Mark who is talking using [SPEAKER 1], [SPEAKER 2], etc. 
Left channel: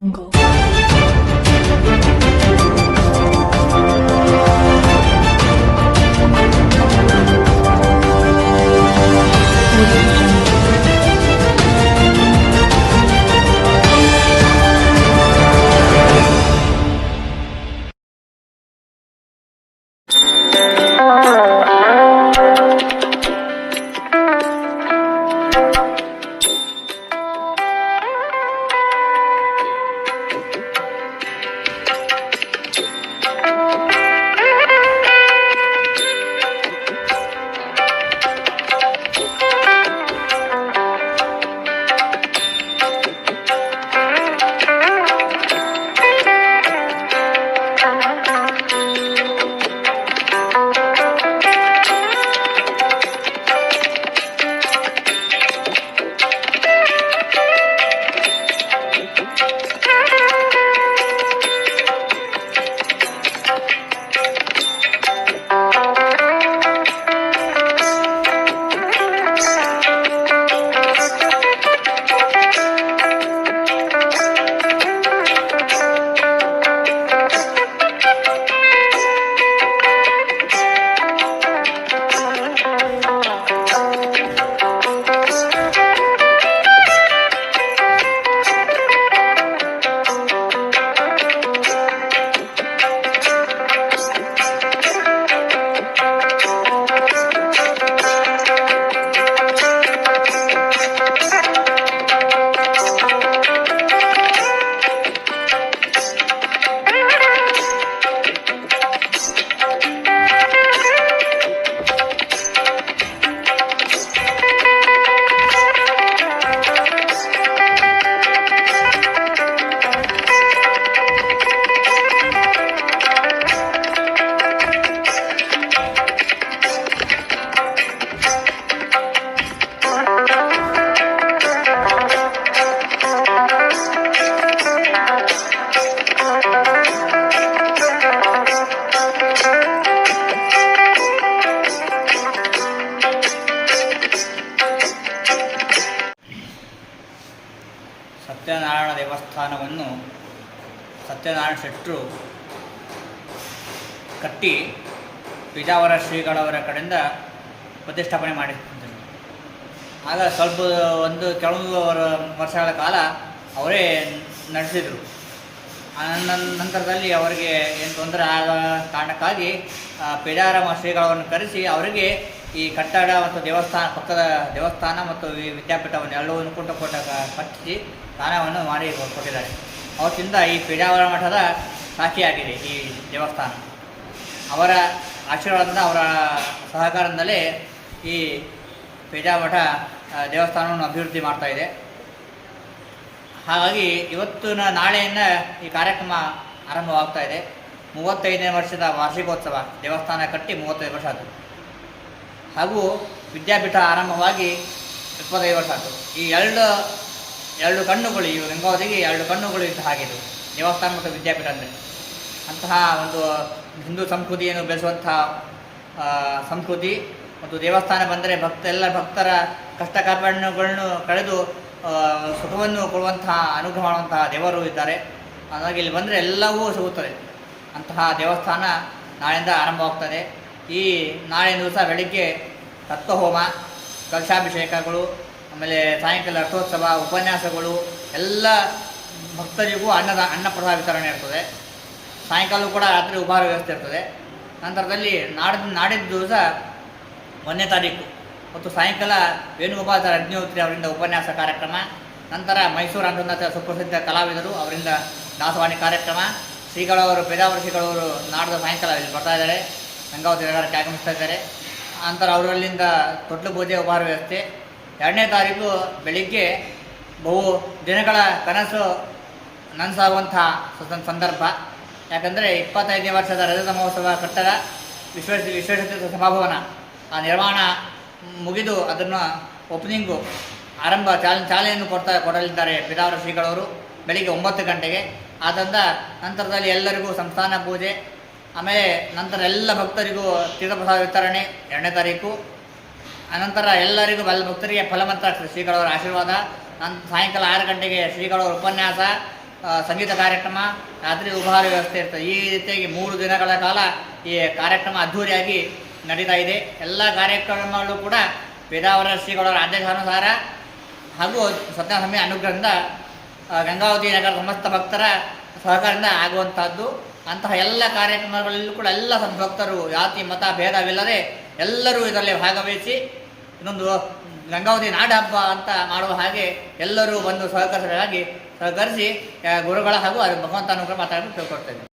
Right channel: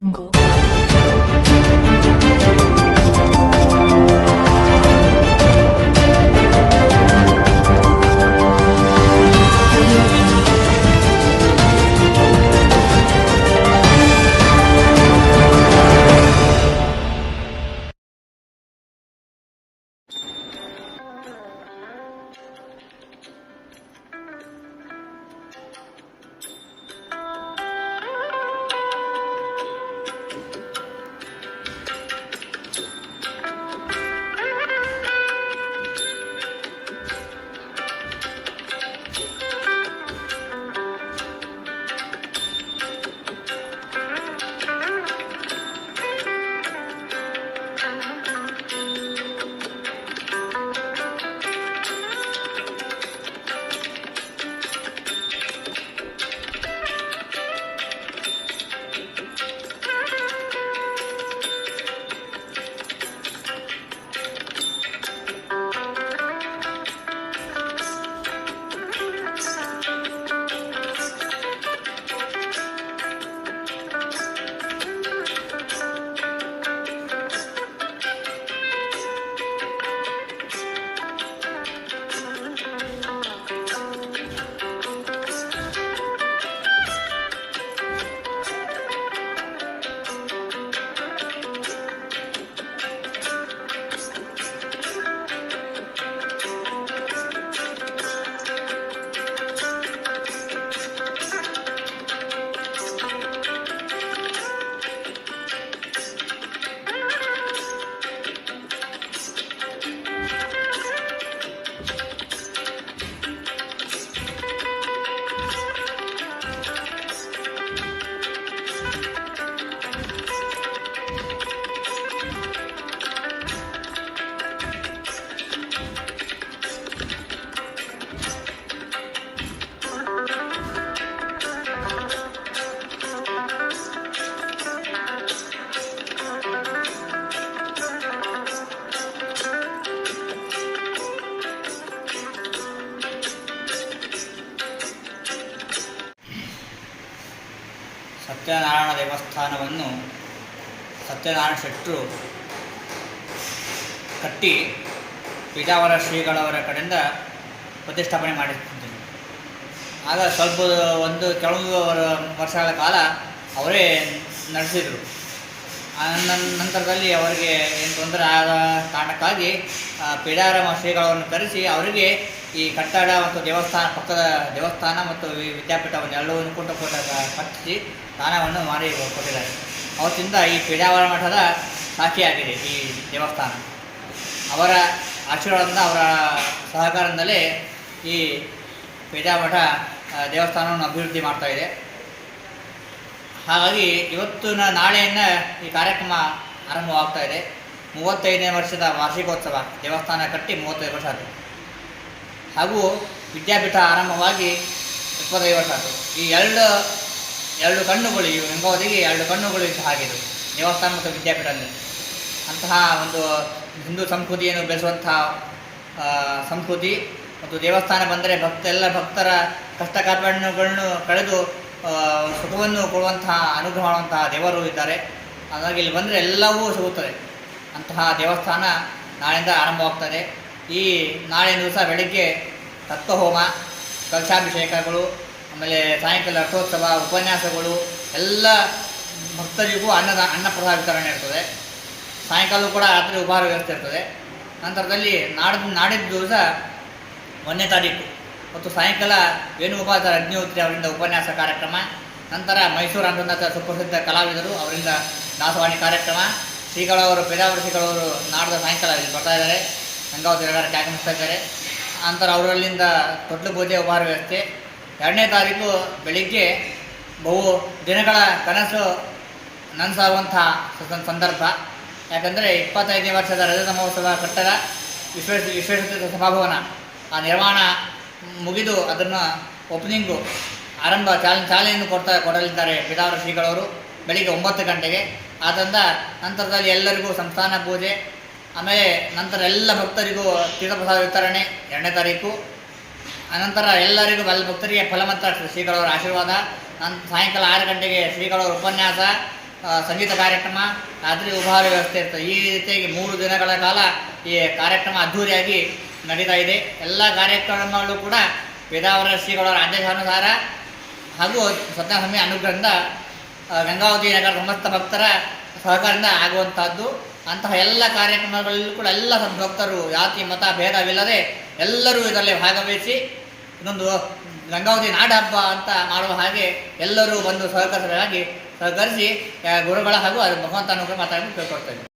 [SPEAKER 1] 거.
[SPEAKER 2] ಸತ್ಯನಾರಾಯಣ ದೇವಸ್ಥಾನವನ್ನು ಸತ್ಯನಾರಾಯಣ ಶೆಟ್ಟರು ಕಟ್ಟಿ ಪೀಜಾವರ ಶ್ರೀಗಳವರ ಕಡೆಯಿಂದ ಪ್ರತಿಷ್ಠಾಪನೆ ಮಾಡಿದ್ದರು ಆಗ ಸ್ವಲ್ಪ ಒಂದು ಕೆಲವು ವರ್ಷಗಳ ಕಾಲ ಅವರೇ ನಡೆಸಿದರು. ನಂತರದಲ್ಲಿ ಅವರಿಗೆ ಏನು ತೊಂದರೆ ಆದ ಕಾರಣಕ್ಕಾಗಿ ಪೀಡಾರಾಮ ಶ್ರೀಗಳವರನ್ನು ಕರೆಸಿ ಅವರಿಗೆ ಈ ಕಟ್ಟಡ ಮತ್ತು ದೇವಸ್ಥಾನ, ಪಕ್ಕದ ದೇವಸ್ಥಾನ ಮತ್ತು ಈ ವಿದ್ಯಾಪೀಠವನ್ನು ಎಲ್ಲವನ್ನು ಕೊಟ್ಟು ಕೊಟ್ಟ ಕಟ್ಟಿಸಿ ದಾನವನ್ನು ಮಾಡಿ ಕೊಟ್ಟಿದ್ದಾರೆ. ಅವತ್ತಿಂದ ಈ ಪೇಜಾವರ ಮಠದ ಸಾಕ್ಷಿಯಾಗಿದೆ ಈ ದೇವಸ್ಥಾನ. ಅವರ ಆಶೀರ್ವಾದದಿಂದ ಅವರ ಸಹಕಾರದಿಂದಲೇ ಈ ಪೇಜಾಮಠ ದೇವಸ್ಥಾನವನ್ನು ಅಭಿವೃದ್ಧಿ ಮಾಡ್ತಾ ಇದೆ. ಹಾಗಾಗಿ ಇವತ್ತಿನ ನಾಳೆಯಿಂದ ಈ ಕಾರ್ಯಕ್ರಮ ಆರಂಭವಾಗ್ತಾ ಇದೆ. ಮೂವತ್ತೈದನೇ ವರ್ಷದ ವಾರ್ಷಿಕೋತ್ಸವ, ದೇವಸ್ಥಾನ ಕಟ್ಟಿ ಮೂವತ್ತೈದು ವರ್ಷ ಆಯಿತು. ಹಾಗೂ ವಿದ್ಯಾಪೀಠ ಆರಂಭವಾಗಿ ಇಪ್ಪತ್ತೈದು ವರ್ಷ ಆಯಿತು. ಈ ಎರಡು ಎರಡು ಕಣ್ಣುಗಳು, ಈ ಗಂಗಾವತಿಗೆ ಎರಡು ಕಣ್ಣುಗಳು ಇದ್ದ ಹಾಗೆ ಇದು ದೇವಸ್ಥಾನ ಮತ್ತು ವಿದ್ಯಾಪೀಠ ಅಂದರೆ. ಅಂತಹ ಒಂದು ಹಿಂದೂ ಸಂಸ್ಕೃತಿಯನ್ನು ಬೆಳೆಸುವಂತಹ ಸಂಸ್ಕೃತಿ ಮತ್ತು ದೇವಸ್ಥಾನ ಬಂದರೆ ಭಕ್ತ ಎಲ್ಲ ಭಕ್ತರ ಕಷ್ಟ ಕಾರ್ಪಣ್ಯಗಳನ್ನು ಕಳೆದು ಸುಖವನ್ನು ಕೊಡುವಂತಹ ಅನುಗ್ರಹ ಮಾಡುವಂತಹ ದೇವರು ಇದ್ದಾರೆ. ಹಾಗಾಗಿ ಇಲ್ಲಿ ಬಂದರೆ ಎಲ್ಲವೂ ಸಿಗುತ್ತದೆ. ಅಂತಹ ದೇವಸ್ಥಾನ ನಾಳೆಯಿಂದ ಆರಂಭವಾಗ್ತದೆ. ಈ ನಾಳೆ ದಿವಸ ಬೆಳಿಗ್ಗೆ ತತ್ವಹೋಮ ಕಲಶಾಭಿಷೇಕಗಳು, ಆಮೇಲೆ ಸಾಯಂಕಾಲ ರಥೋತ್ಸವ, ಉಪನ್ಯಾಸಗಳು, ಎಲ್ಲ ಭಕ್ತರಿಗೂ ಅನ್ನದ, ಅನ್ನಪ್ರಸಾದ ವಿತರಣೆ ಇರ್ತದೆ. ಸಾಯಂಕಾಲ ಕೂಡ ರಾತ್ರಿ ಉಪಹಾರ ವ್ಯವಸ್ಥೆ ಇರ್ತದೆ. ನಂತರದಲ್ಲಿ ನಾಡಿದ ನಾಡಿದ ದಿವಸ ಒಂದನೇ ತಾರೀಕು. ಮತ್ತು ಸಾಯಂಕಾಲ ವೇಣುಗೋಪಾಲ ಅಗ್ನಿಹೋತ್ರಿ ಅವರಿಂದ ಉಪನ್ಯಾಸ ಕಾರ್ಯಕ್ರಮ, ನಂತರ ಮೈಸೂರು ಅಂಧನಾಥ ಸುಪ್ರಸಿದ್ಧ ಕಲಾವಿದರು ಅವರಿಂದ ದಾಸವಾಣಿ ಕಾರ್ಯಕ್ರಮ, ಶ್ರೀಗಳವರು ಪೇದಾವರ ಶ್ರೀಗಳವರು ನಾಡಿದ ಸಾಯಂಕಾಲ ಇಲ್ಲಿ ಬರ್ತಾ ಇದ್ದಾರೆ. ಗಂಗಾವತಿ ಆಗಮಿಸ್ತಾ ಇದ್ದಾರೆ. ನಂತರ ಅವರಲ್ಲಿಂದ ತೊಟ್ಲು ಪೂಜೆ ಉಪಹಾರ ವ್ಯವಸ್ಥೆ. ಎರಡನೇ ತಾರೀಕು ಬೆಳಿಗ್ಗೆ ಬಹು ದಿನಗಳ ಕನಸು ನನಸಾಗುವಂತಹ ಸ- ಸಂದರ್ಭ. ಯಾಕಂದರೆ ಇಪ್ಪತ್ತೈದನೇ ವರ್ಷದ ರಜತ ಮಹೋತ್ಸವ ಕಟ್ಟಡ ವಿಶ್ವೇಶ್ ವಿಶ್ವೇಶ್ವರ ಸಭಾಭವನ ಆ ನಿರ್ಮಾಣ ಮುಗಿದು ಅದನ್ನು ಓಪನಿಂಗು ಆರಂಭ ಚಾಲ, ಚಾಲನೆಯನ್ನು ಕೊಡ್ತಾ, ಕೊಡಲಿದ್ದಾರೆ ಪಿತಾವರ ಶ್ರೀಗಳವರು. ಬೆಳಿಗ್ಗೆ ಒಂಬತ್ತು ಗಂಟೆಗೆ. ಆದ್ದರಿಂದ ನಂತರದಲ್ಲಿ ಎಲ್ಲರಿಗೂ ಸಂಸ್ಥಾನ ಪೂಜೆ ಆಮೇಲೆ ನಂತರ ಎಲ್ಲ ಭಕ್ತರಿಗೂ ತೀರ್ಥಪ್ರಸಾದ ವಿತರಣೆ ಎರಡನೇ ತಾರೀಕು. ಅನಂತರ ಎಲ್ಲರಿಗೂ ಎಲ್ಲ ಭಕ್ತರಿಗೆ ಫಲಮಂತ್ರ ಶ್ರೀಗಳವರ ಆಶೀರ್ವಾದ. ನಂತರ ಸಾಯಂಕಾಲ ಆರು ಗಂಟೆಗೆ ಶ್ರೀಗಳವರ ಉಪನ್ಯಾಸ ಸಂಗೀತ ಕಾರ್ಯಕ್ರಮ, ರಾತ್ರಿ ಉಪಹಾರ ವ್ಯವಸ್ಥೆ ಇರ್ತದೆ. ಈ ರೀತಿಯಾಗಿ ಮೂರು ದಿನಗಳ ಕಾಲ ಈ ಕಾರ್ಯಕ್ರಮ ಅದ್ಧೂರಿಯಾಗಿ ನಡೀತಾ ಇದೆ. ಎಲ್ಲ ಕಾರ್ಯಕ್ರಮಗಳು ಕೂಡ ವೇದಾವರ ಶ್ರೀಗಳವರ ಆದೇಶಾನುಸಾರ ಹಾಗೂ ಸತ್ಯಾಸ್ವಾಮಿ ಅನುಗ್ರಹದಿಂದ ಗಂಗಾವತಿ ನಗರ ಸಮಸ್ತ ಭಕ್ತರ ಸಹಕಾರದಿಂದ ಆಗುವಂತಹದ್ದು, ಅಂತಹ ಎಲ್ಲ ಕಾರ್ಯಕ್ರಮಗಳಲ್ಲೂ ಕೂಡ ಎಲ್ಲ ಸಂಭಕ್ತರು ಜಾತಿ, ಮತ, ಭೇದವಿಲ್ಲದೆ ಎಲ್ಲರೂ ಇದರಲ್ಲಿ ಭಾಗವಹಿಸಿ ಇನ್ನೊಂದು ಗಂಗಾವತಿ ನಾಡ ಹಬ್ಬ ಅಂತ ಮಾಡುವ ಹಾಗೆ ಎಲ್ಲರೂ ಬಂದು ಸಹಕರಿಸಲಾಗಿ ಸಹಕರಿಸಿ ಗುರುಗಳ ಹಾಗೂ ಭಗವಂತನ ಅನುಗ್ರಹ ಮಾತಾಡಲು ಕೇಳ್ಕೊಡ್ತೇವೆ